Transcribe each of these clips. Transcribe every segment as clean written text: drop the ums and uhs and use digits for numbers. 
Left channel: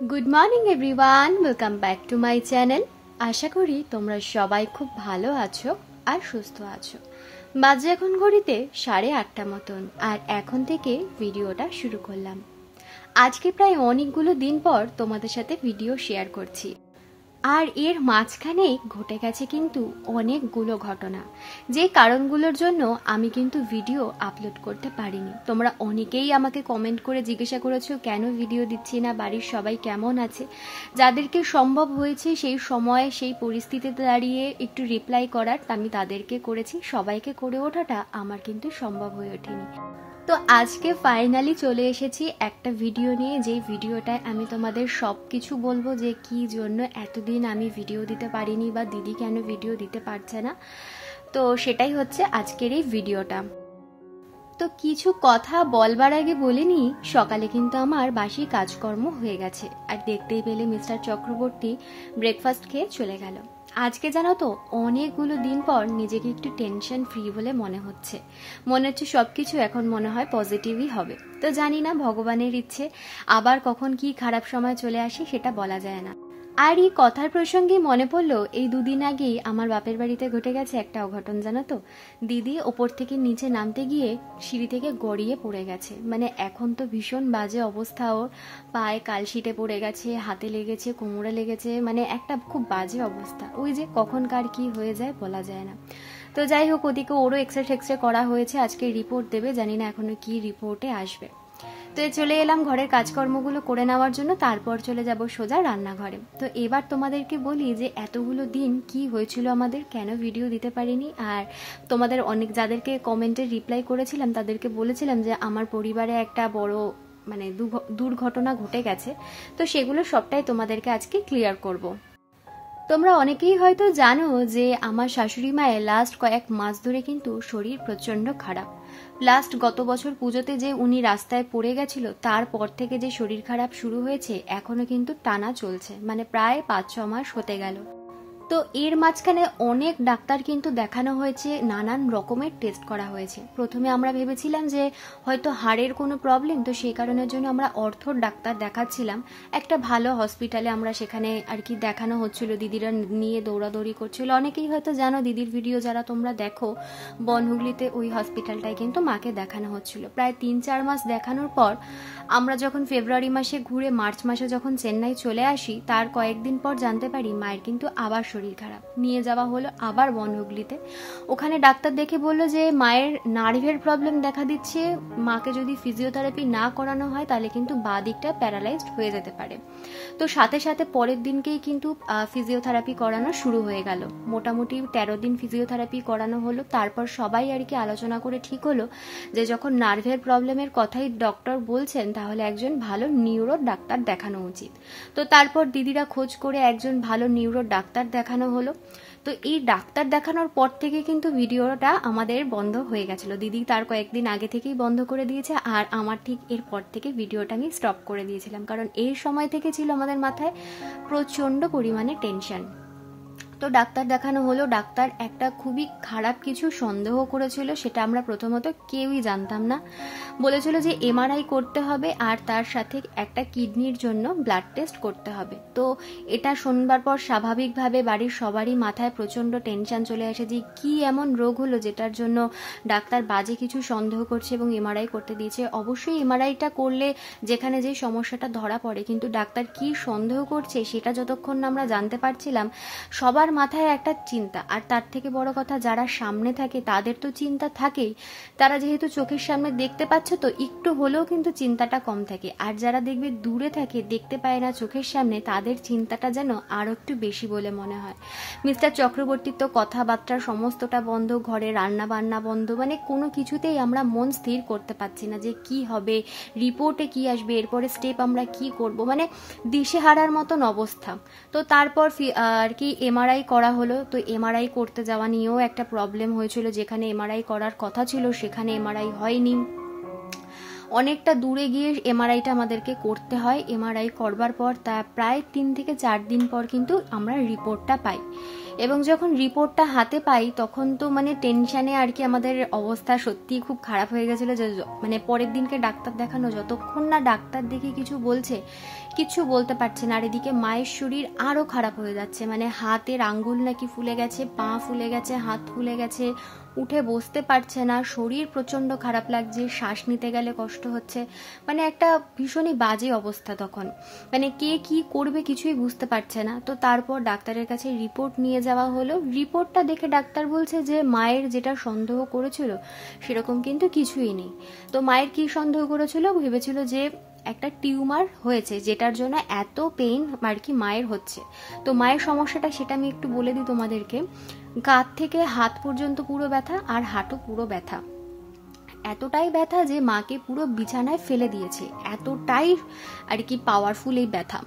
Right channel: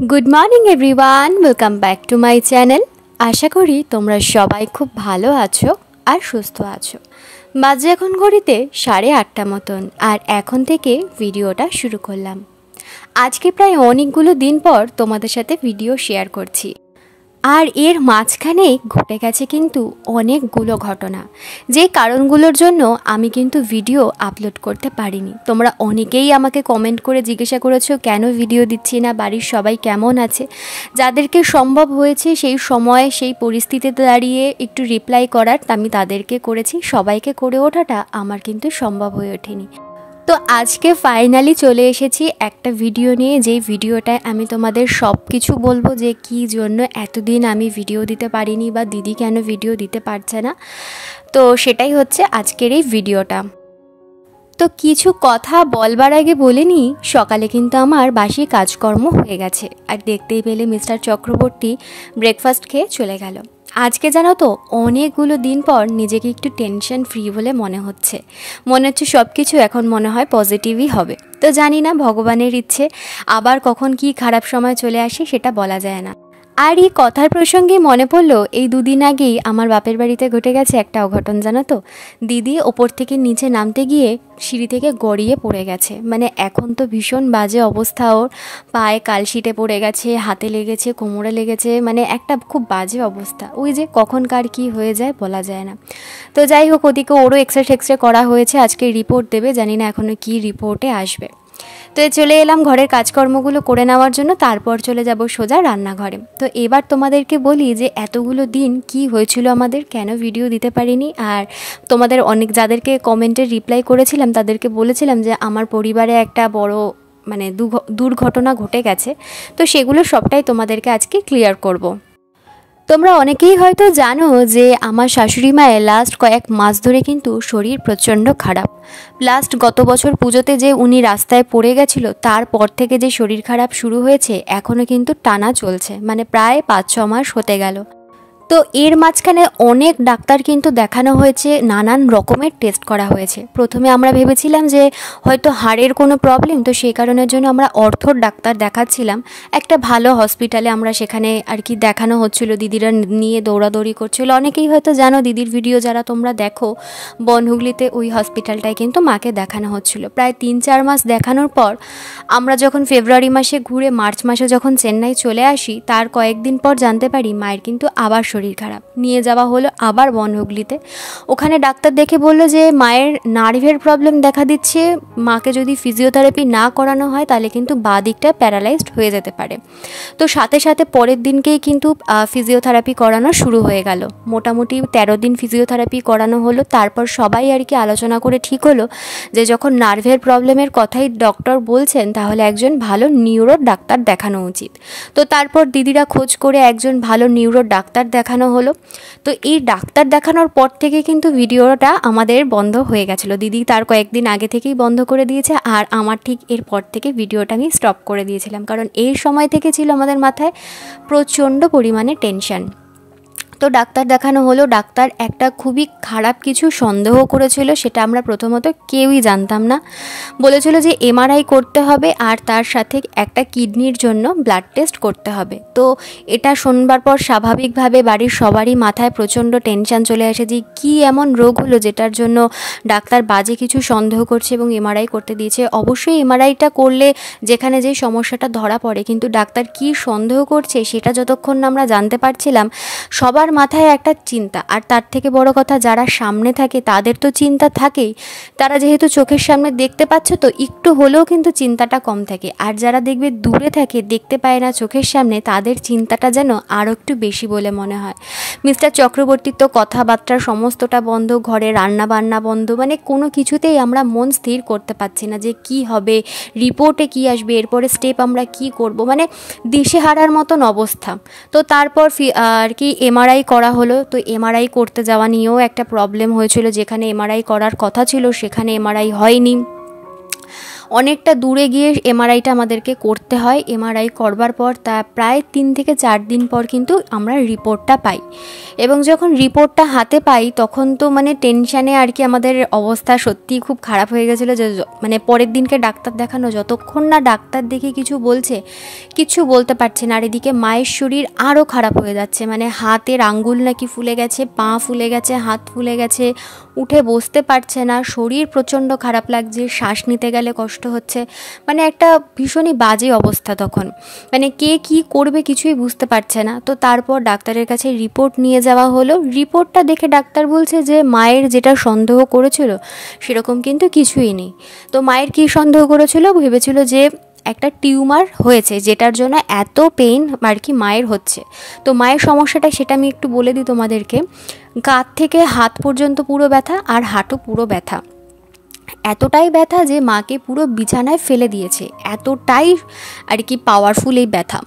Good morning everyone welcome back to my channel. आशा करी তোমরা সবাই খুব ভালো আছো আর সুস্থ আছো। বাজে এখন ঘড়িতে 8:30 মতন আর এখন থেকে ভিডিওটা শুরু করলাম। আজকে প্রায় অনেকগুলো দিন পর তোমাদের সাথে ভিডিও শেয়ার করছি আর এর মাঝখানেই ঘটে গেছে কিন্তু অনেকগুলো ঘটনা, যে কারণগুলোর জন্য আমি কিন্তু ভিডিও আপলোড করতে পারিনি। তোমরা অনেকেই আমাকে কমেন্ট করে জিজ্ঞাসা করেছো কেন ভিডিও দিচ্ছি না, বাড়ির সবাই কেমন আছে। যাদেরকে সম্ভব হয়েছে সেই সময়ে সেই পরিস্থিতিতে দাঁড়িয়ে একটু রিপ্লাই করার আমি তাদেরকে করেছি, সবাইকে করে ওঠাটা আমার কিন্তু সম্ভব হয়ে ওঠেনি। তো আজকে ফাইনালি চলে এসেছি একটা ভিডিও নিয়ে, যেই ভিডিওটায় আমি তোমাদের সব কিছু বলবো যে কী জন্য এতদিন আমি ভিডিও দিতে পারিনি বা দিদি কেন ভিডিও দিতে পারছে না। তো সেটাই হচ্ছে আজকের এই ভিডিওটা। তো কিছু কথা বলবার আগে বলে নিই, সকালে কিন্তু আমার বাসি কাজকর্ম হয়ে গেছে আর দেখতেই পেলে মিস্টার চক্রবর্তী ব্রেকফাস্ট খেয়ে চলে গেল। আজকে জানো তো অনেকগুলো দিন পর নিজেকে একটু টেনশন ফ্রি বলে মনে হচ্ছে সব কিছু এখন মনে হয় পজিটিভই হবে। তো জানি না ভগবানের ইচ্ছে, আবার কখন কি খারাপ সময় চলে আসে সেটা বলা যায় না। আর এই কথার প্রসঙ্গে মনে পড়লো, এই দুদিন আগেই আমার বাপের বাড়িতে ঘটে গেছে একটা অঘটন জানো তো। দিদি ওপর থেকে নিচে নামতে গিয়ে সিঁড়ি থেকে গড়িয়ে পড়ে গেছে। মানে এখন তো ভীষণ বাজে অবস্থা, ওর পায়ে কালশিটে পড়ে গেছে, হাতে লেগেছে, কোমরে লেগেছে, মানে একটা খুব বাজে অবস্থা। ওই যে কখন কার কী হয়ে যায় বলা যায় না। তো যাই হোক, ওদিকে ওরও এক্সরে করা হয়েছে, আজকে রিপোর্ট দেবে, জানি না এখনও কী রিপোর্টে আসবে। তো চলে এলাম ঘরের কাজকর্মগুলো করে নেওয়ার জন্য, তারপর চলে যাব সোজা রান্নাঘরে। তো এবার তোমাদেরকে বলি যে এতগুলো দিন কি হয়েছিল আমাদের, কেন ভিডিও দিতে পারিনি। আর তোমাদের অনেক যাদেরকে কমেন্টে রিপ্লাই করেছিলাম তাদেরকে বলেছিলাম যে আমার পরিবারে একটা বড় দুর্ঘটনা ঘটে গেছে, তো সেগুলো সবটাই তোমাদেরকে আজকে ক্লিয়ার করব। তোমরা অনেকেই হয়তো জানো যে আমার শাশুড়ি মায়ের লাস্ট কয়েক মাস ধরে কিন্তু শরীর প্রচণ্ড খারাপ। গত বছর পুজোতে যে উনি রাস্তায় পড়ে গেছিল, তারপর থেকে যে শরীর খারাপ শুরু হয়েছে এখনও কিন্তু টানা চলছে, মানে প্রায় 5-6 মাস হতে গেল। তো এর মাঝখানে অনেক ডাক্তার কিন্তু দেখানো হয়েছে, নানান রকমের টেস্ট করা হয়েছে। প্রথমে আমরা ভেবেছিলাম যে হয়তো হাড়ের কোনো প্রবলেম, তো সেই কারণের জন্য আমরা অর্থোর ডাক্তার দেখাচ্ছিলাম একটা ভালো হসপিটালে। আমরা সেখানে আর কি দেখানো হচ্ছিল, দিদিরা নিয়ে দৌড়াদৌড়ি করছিল। অনেকেই হয়তো জানো, দিদির ভিডিও যারা তোমরা দেখো, বনহুগলিতে ওই হসপিটালটায় কিন্তু মাকে দেখানো হচ্ছিল। প্রায় 3-4 মাস দেখানোর পর আমরা যখন ফেব্রুয়ারি মাসে ঘুরে মার্চ মাসে যখন চেন্নাই চলে আসি, তার কয়েকদিন পর জানতে পারি মায়ের কিন্তু আবার শরীর খারাপ। নিয়ে যাওয়া হলো আবার বনহুগলিতে। ওখানে ডাক্তার দেখে বলল যে মায়ের নার্ভের প্রবলেম দেখা দিচ্ছে, মাকে যদি ফিজিওথেরাপি না করানো হয় তাহলে কিন্তু বাঁ দিকটা প্যারালাইজড হয়ে যেতে পারে। তো সাথে সাথে পরের দিনকেই কিন্তু ফিজিওথেরাপি করানো শুরু হয়ে গেল। মোটামুটি 13 দিন ফিজিওথেরাপি করানো হলো। তারপর সবাই আর কি আলোচনা করে ঠিক হলো যে যখন নার্ভের প্রবলেমের কথাই ডক্টর বলছেন, তাহলে একজন ভালো নিউরো ডাক্তার দেখানো উচিত। তো তারপর দিদিরা খোঁজ করে একজন ভালো নিউরো ডাক্তার দেখানো হলো। তো এই ডাক্তার দেখানোর পর থেকে কিন্তু ভিডিওটা আমাদের বন্ধ হয়ে গেছিলো। দিদি তার কয়েকদিন আগে থেকেই বন্ধ করে দিয়েছে, আর আমার ঠিক এরপর থেকে ভিডিওটা আমি স্টপ করে দিয়েছিলাম, কারণ এই সময় থেকে ছিল আমাদের মাথায় প্রচণ্ড পরিমাণে টেনশন। তো ডাক্তার দেখানো হলো। ডাক্তার একটা খুবই খারাপ কিছু সন্দেহ করেছিল, সেটা আমরা প্রথমত কেউই জানতাম না। বলেছিল যে এমআরআই করতে হবে আর তার সাথে একটা কিডনির জন্য ব্লাড টেস্ট করতে হবে। তো এটা শোনবার পর স্বাভাবিকভাবে বাড়ির সবারই মাথায় প্রচণ্ড টেনশন চলে আসে যে কী এমন রোগ হলো যেটার জন্য ডাক্তার বাজে কিছু সন্দেহ করছে এবং এমআরআই করতে দিয়েছে। অবশ্যই এমআরআইটা করলে যেখানে যে সমস্যাটা ধরা পড়ে, কিন্তু ডাক্তার কী সন্দেহ করছে সেটা যতক্ষণ না আমরা জানতে পারছিলাম, সবার মাথায় একটা চিন্তা। আর তার থেকে বড় কথা, যারা সামনে থাকে তাদের তো চিন্তা থাকেই, তারা যেহেতু চোখের সামনে দেখতে পাচ্ছে তো একটু হলেও কিন্তু চিন্তাটা কম থাকে। আর যারা দেখবে দূরে থাকে, দেখতে পায় না চোখের সামনে, তাদের চিন্তাটা যেন আরও একটু বেশি বলে মনে হয়। মিস্টার চক্রবর্তীর তো কথাবার্তা সমস্তটা বন্ধ, ঘরে রান্না বান্না বন্ধ, মানে কোনো কিছুতেই আমরা মন স্থির করতে পারছি না যে কি হবে, রিপোর্টে কি আসবে, এরপরে স্টেপ আমরা কি করব, মানে দিশেহারার মতন অবস্থা। তো তারপর আর কি এমআরআই করা হলো। তো এমআরআই করতে যাওয়া নিয়েও একটা প্রবলেম হয়েছিল, যেখানে এমআরআই করার কথা ছিল সেখানে এমআরআই হয়নি। অনেকটা দূরে গিয়ে এমআরআইটা আমাদেরকে করতে হয়। এমআরআই করবার পর তা প্রায় 3 থেকে 4 দিন পর কিন্তু আমরা রিপোর্টটা পাই, এবং যখন রিপোর্টটা হাতে পাই তখন তো মানে টেনশানে আর কি আমাদের অবস্থা সত্যিই খুব খারাপ হয়ে গেছিলো। যে মানে পরের দিনকে ডাক্তার দেখানো, যতক্ষণ না ডাক্তার দেখে কিছু বলছে কিছু বলতে পারছে না। আর এদিকে মায়ের শরীর আরও খারাপ হয়ে যাচ্ছে, মানে হাতের আঙ্গুল নাকি ফুলে গেছে, পা ফুলে গেছে, হাত ফুলে গেছে, উঠে বসতে পারছে না, শরীর প্রচণ্ড খারাপ লাগছে, শ্বাস নিতে গেলে কষ্ট হচ্ছে, মানে একটা ভীষণই বাজে অবস্থা তখন, মানে কে কী করবে কিছুই বুঝতে পারছে না। তো তারপর ডাক্তারের কাছে রিপোর্ট নিয়ে যাওয়া হলো। রিপোর্টটা দেখে ডাক্তার বলছে যে মায়ের যেটা সন্দেহ করেছিল সেরকম কিন্তু কিছুই নেই। তো মায়ের কী সন্দেহ করেছিল, ভেবেছিল যে একটা টিউমার হয়েছে, যেটার জন্য এত পেইন আর কি মায়ের হচ্ছে। তো মায়ের সমস্যাটা সেটা আমি একটু বলে দিই তোমাদেরকে। গা থেকে হাত পর্যন্ত পুরো ব্যথা, আর হাঁটু পুরো ব্যথা, এতটাই ব্যথা যে মাকে পুরো বিছানায় ফেলে দিয়েছে, এতটাই আর কি পাওয়ারফুল এই ব্যথা।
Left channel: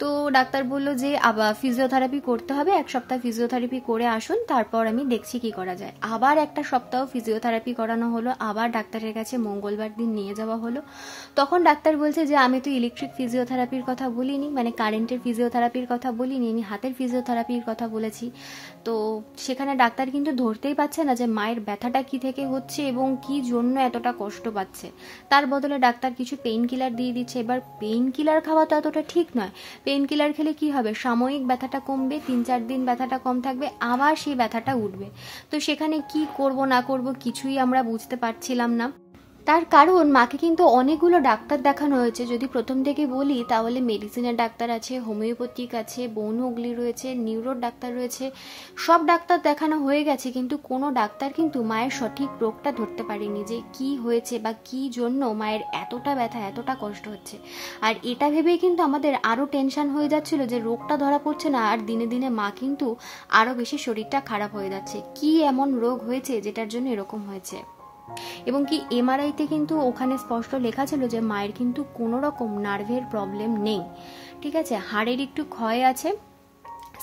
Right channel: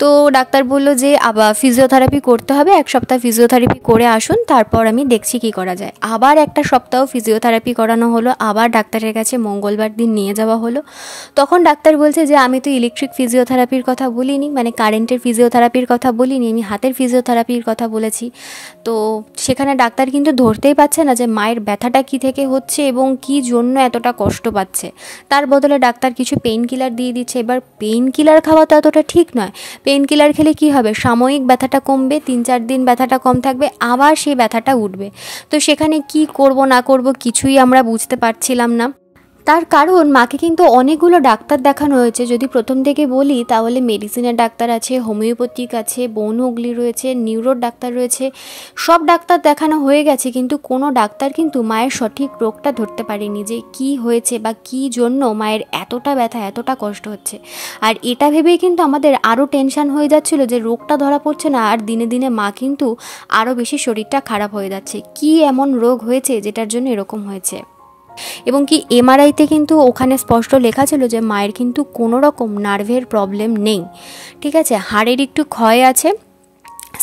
তো ডাক্তার বলল যে আবার ফিজিওথেরাপি করতে হবে, 1 সপ্তাহ ফিজিওথেরাপি করে আসুন, তারপর আমি দেখছি কী করা যায়। আবার 1 সপ্তাহ ফিজিওথেরাপি করানো হলো, আবার ডাক্তারের কাছে মঙ্গলবার দিন নিয়ে যাওয়া হলো। তখন ডাক্তার বলছে যে আমি তো ইলেকট্রিক ফিজিওথেরাপির কথা বলিনি, মানে কারেন্টের ফিজিওথেরাপির কথা বলিনি, আমি হাতের ফিজিওথেরাপির কথা বলেছি। তো সেখানে ডাক্তার কিন্তু ধরতেই পারছে না যে মায়ের ব্যথাটা কী থেকে হচ্ছে এবং কী জন্য এতটা কষ্ট পাচ্ছে। তার বদলে ডাক্তার কিছু পেইন কিলার দিয়ে দিচ্ছে। এবার পেইন কিলার খাওয়া তো এতটা ঠিক নয়। পেইন কিলার খেলে কি হবে, সাময়িক ব্যথাটা কমবে, 3-4 দিন ব্যথাটা কম থাকবে, আবার সেই ব্যথাটা উঠবে। তো সেখানে কি করব না করব কিছুই আমরা বুঝতে পারছিলাম না। তার কারণ মাকে কিন্তু অনেকগুলো ডাক্তার দেখানো হয়েছে। যদি প্রথম থেকে বলি তাহলে মেডিসিনের ডাক্তার আছে, হোমিওপ্যাথিক আছে, বন হুগলি রয়েছে, নিউরোর ডাক্তার রয়েছে, সব ডাক্তার দেখানো হয়ে গেছে, কিন্তু কোনো ডাক্তার কিন্তু মায়ের সঠিক রোগটা ধরতে পারেনি, যে কি হয়েছে বা কি জন্য মায়ের এতটা ব্যথা, এতটা কষ্ট হচ্ছে। আর এটা ভেবেই কিন্তু আমাদের আরও টেনশন হয়ে যাচ্ছিল যে রোগটা ধরা পড়ছে না, আর দিনে দিনে মা কিন্তু আরও বেশি শরীরটা খারাপ হয়ে যাচ্ছে। কি এমন রোগ হয়েছে যেটার জন্য এরকম হয়েছে। এবং কি এমআরআইতে কিন্তু ওখানে স্পষ্ট লেখা ছিল যে মায়ের কিন্তু কোনো রকম নার্ভের প্রবলেম নেই, ঠিক আছে। হাড়ের একটু ক্ষয় আছে,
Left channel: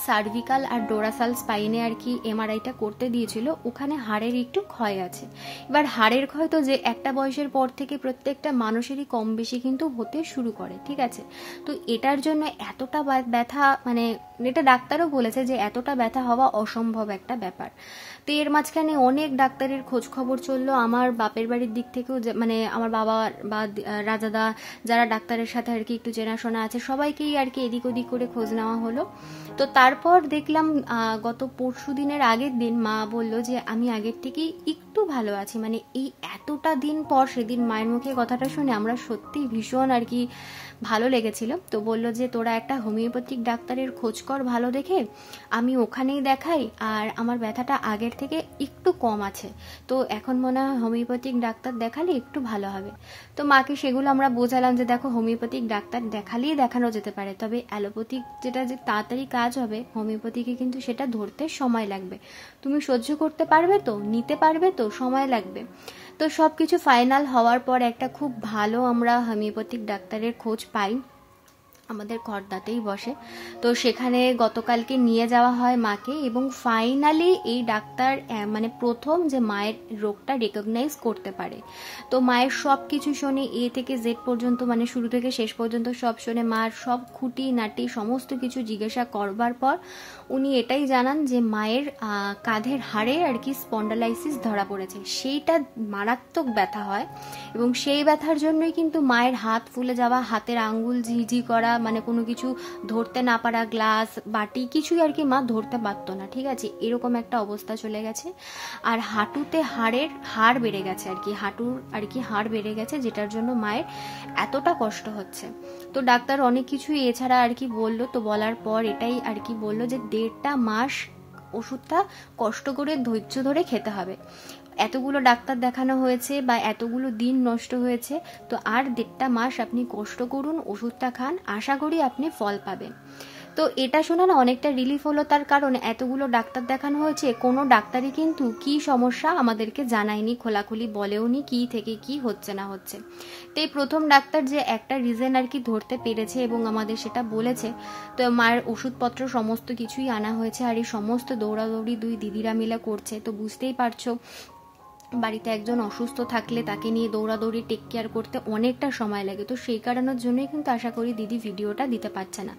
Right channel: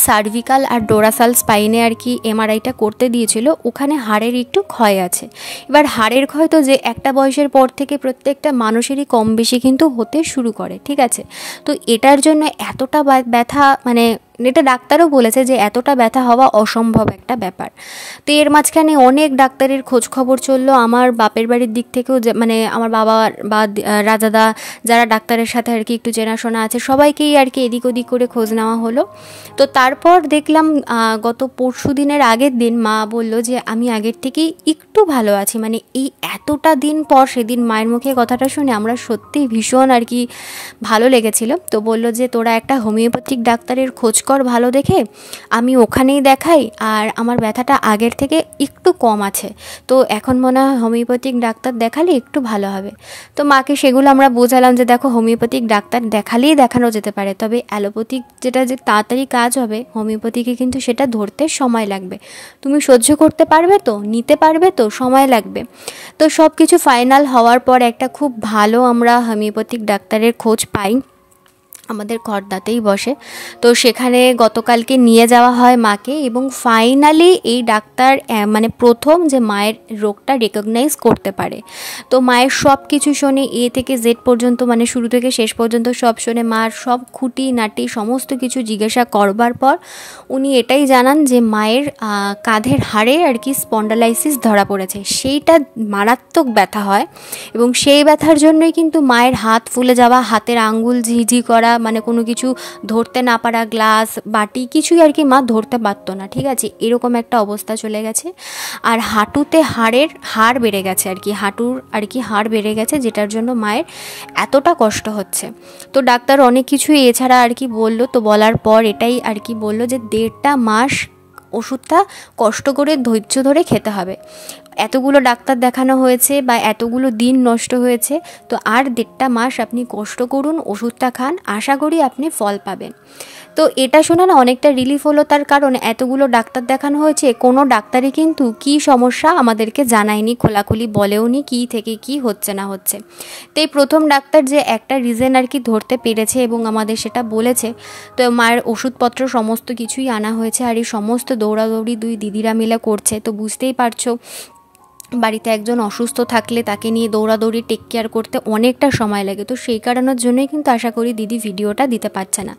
সার্ভিকাল আর ডোরাসাল স্পাইনে আর কি এমআরআইটা করতে দিয়েছিল, ওখানে হাড়ের একটু ক্ষয় আছে। এবার হাড়ের ক্ষয় তো যে একটা বয়সের পর থেকে প্রত্যেকটা মানুষেরই কম বেশি কিন্তু হতে শুরু করে, ঠিক আছে। তো এটার জন্য এতটা ব্যথা, মানে এটা ডাক্তারও বলেছে যে এতটা ব্যথা হওয়া অসম্ভব একটা ব্যাপার। তো এর মাঝখানে অনেক ডাক্তারের খোঁজ খবর চললো। আমার বাপের বাড়ির দিক থেকেও মানে আমার বাবা বা রাজাদা যারা ডাক্তারের সাথে আর কি একটু চেনাশোনা আছে, সবাইকেই আর কি এদিক ওদিক করে খোঁজ নেওয়া হলো। তো তারপর দেখলাম গত পরশু দিনের আগের দিন মা বলল যে আমি আগের থেকেই একটু ভালো আছি। মানে এই এতটা দিন পর সেদিন মায়ের মুখে কথাটা শুনে আমরা সত্যিই ভীষণ আর কি ভালো লেগেছিল। তো বলল যে তোরা একটা হোমিওপ্যাথিক ডাক্তারের খোঁজ কর ভালো দেখে, আমি ওখানেই দেখাই, আর আমার ব্যথাটা আগের থেকে একটু কম আছে, তো এখন মনে হয় হোমিওপ্যাথিক ডাক্তার দেখালে একটু ভালো হবে। তো মাকে সেগুলো আমরা বোঝালাম যে দেখো হোমিওপ্যাথিক ডাক্তার দেখালেই দেখানো যেতে পারে, তবে অ্যালোপ্যাথিক যেটা যে তাড়াতাড়ি কাজ হবে, হোমিওপ্যাথিকে কিন্তু সেটা ধরতে সময় লাগবে। তুমি সহ্য করতে পারবে তো, নিতে পারবে তো, সময় লাগবে। তো সব কিছু ফাইনাল হওয়ার পর একটা খুব ভালো আমরা হোমিওপ্যাথিক ডাক্তারের খোঁজ পাই, আমাদের খড়দাতেই বসে। তো সেখানে গতকালকে নিয়ে যাওয়া হয় মাকে, এবং ফাইনালি এই ডাক্তার মানে প্রথম যে মায়ের রোগটা রেকগনাইজ করতে পারে। তো মায়ের সব কিছু শোনে, এ থেকে জেড পর্যন্ত, মানে শুরু থেকে শেষ পর্যন্ত সব শোনে, মার সব খুঁটি নাটি সমস্ত কিছু জিজ্ঞাসা করবার পর উনি এটাই জানান যে মায়ের কাঁধের হাড়ে আর কি স্পন্ডালাইসিস ধরা পড়েছে, সেইটা মারাত্মক ব্যথা হয়, এবং সেই ব্যথার জন্যই কিন্তু মায়ের হাত ফুলে যাওয়া, হাতের আঙ্গুল ঝিঝি করা, মানে কোনো কিছু ধরতে না পারা, গ্লাস বাটি কিছুই আর কি মা ধরতে পারতো না, ঠিক আছে, এরকম একটা অবস্থা চলে গেছে। আর হাঁটুতে হাড় বেড়ে গেছে আর কি, হাঁটুর আর কি হাড় বেড়ে গেছে, যেটার জন্য মায়ের এতটা কষ্ট হচ্ছে। তো ডাক্তার অনেক কিছুই এছাড়া আর কি বললো। তো বলার পর এটাই আর কি বললো যে 1.5 মাস ওষুধটা কষ্ট করে ধৈর্য ধরে খেতে হবে। এতগুলো ডাক্তার দেখানো হয়েছে বা এতগুলো দিন নষ্ট হয়েছে, তো আর 1.5 মাস আপনি কষ্ট করুন, ওষুধটা খান, আশা করি আপনি ফল পাবেন। তো এটা শুনে না অনেকটা রিলিফ হলো, তার কারণ এতগুলো ডাক্তার দেখানো হয়েছে, কোনো ডাক্তারই কিন্তু কী সমস্যা আমাদেরকে জানায়নি, খোলাখুলি বলেওনি কী থেকে কী হচ্ছে না হচ্ছে। তো এই প্রথম ডাক্তার যে একটা রিজন আর কি ধরতে পেরেছে এবং আমাদের সেটা বলেছে। তো মায়ের ওষুধপত্র সমস্ত কিছুই আনা হয়েছে, আর এই সমস্ত দৌড়াদৌড়ি 2 দিদিরা মিলে করছে। তো বুঝতেই পারছো বাড়িতে একজন অসুস্থ থাকলে তাকে নিয়ে দৌড়াদৌড়ি টেক কেয়ার করতে অনেকটা সময় লাগে। তো সেই কারণের জন্যই কিন্তু আশা করি দিদি ভিডিওটা দিতে পারছে না।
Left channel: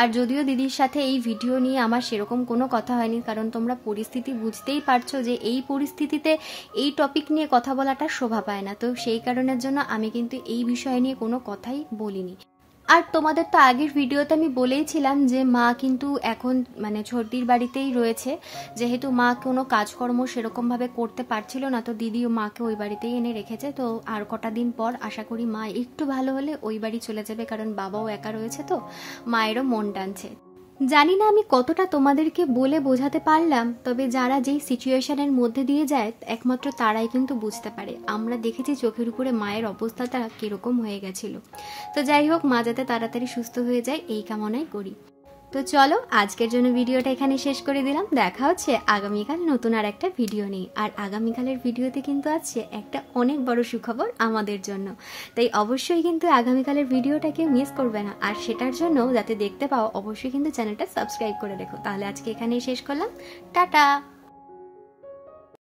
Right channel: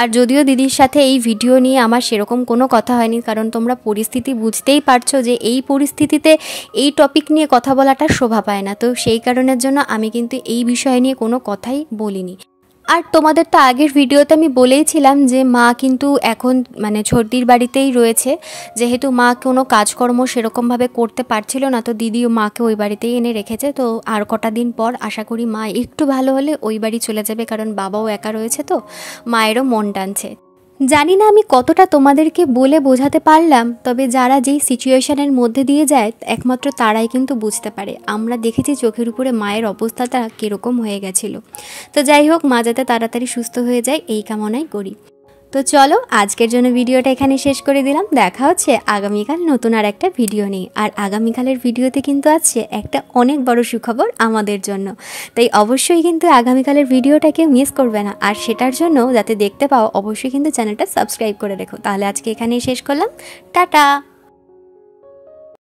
আর যদিও দিদির সাথে এই ভিডিও নিয়ে আমার সেরকম কোনো কথা হয়নি, কারণ তোমরা পরিস্থিতি বুঝতেই পারছো যে এই পরিস্থিতিতে এই টপিক নিয়ে কথা বলাটা শোভা পায় না। তো সেই কারণের জন্য আমি কিন্তু এই বিষয় নিয়ে কোনো কথাই বলিনি। আর তোমাদের তো আগের ভিডিওতে আমি বলেইছিলাম যে মা কিন্তু এখন মানে ছর্দির বাড়িতেই রয়েছে, যেহেতু মা কোনো কাজকর্ম সেরকমভাবে করতে পারছিল না, তো দিদিও মাকে ওই বাড়িতেই এনে রেখেছে। তো আর কটা দিন পর আশা করি মা একটু ভালো হলে ওই বাড়ি চলে যাবে, কারণ বাবাও একা রয়েছে, তো মায়েরও মন টানছে। জানি না আমি কতটা তোমাদেরকে বলে বোঝাতে পারলাম, তবে যারা যেই সিচুয়েশনের মধ্যে দিয়ে যায় একমাত্র তারাই কিন্তু বুঝতে পারে। আমরা দেখেছি চোখের উপরে মায়ের অবস্থাটা কীরকম হয়ে গেছিলো। তো যাই হোক, মা যাতে তাড়াতাড়ি সুস্থ হয়ে যায় এই কামনাই করি। তো চলো আজকের জন্য ভিডিওটা এখানে শেষ করে দিলাম। দেখা হচ্ছে আগামীকাল নতুন আর একটা ভিডিও নিয়ে। আর আগামীকালের ভিডিওতে কিন্তু আছে একটা অনেক বড় সুখবর আমাদের জন্য, তাই অবশ্যই কিন্তু আগামীকালের ভিডিওটাকে মিস করবে না। আর সেটার জন্য যাতে দেখতে পাও অবশ্যই কিন্তু চ্যানেলটা সাবস্ক্রাইব করে রেখো। তাহলে আজকে এখানেই শেষ করলাম, টাটা।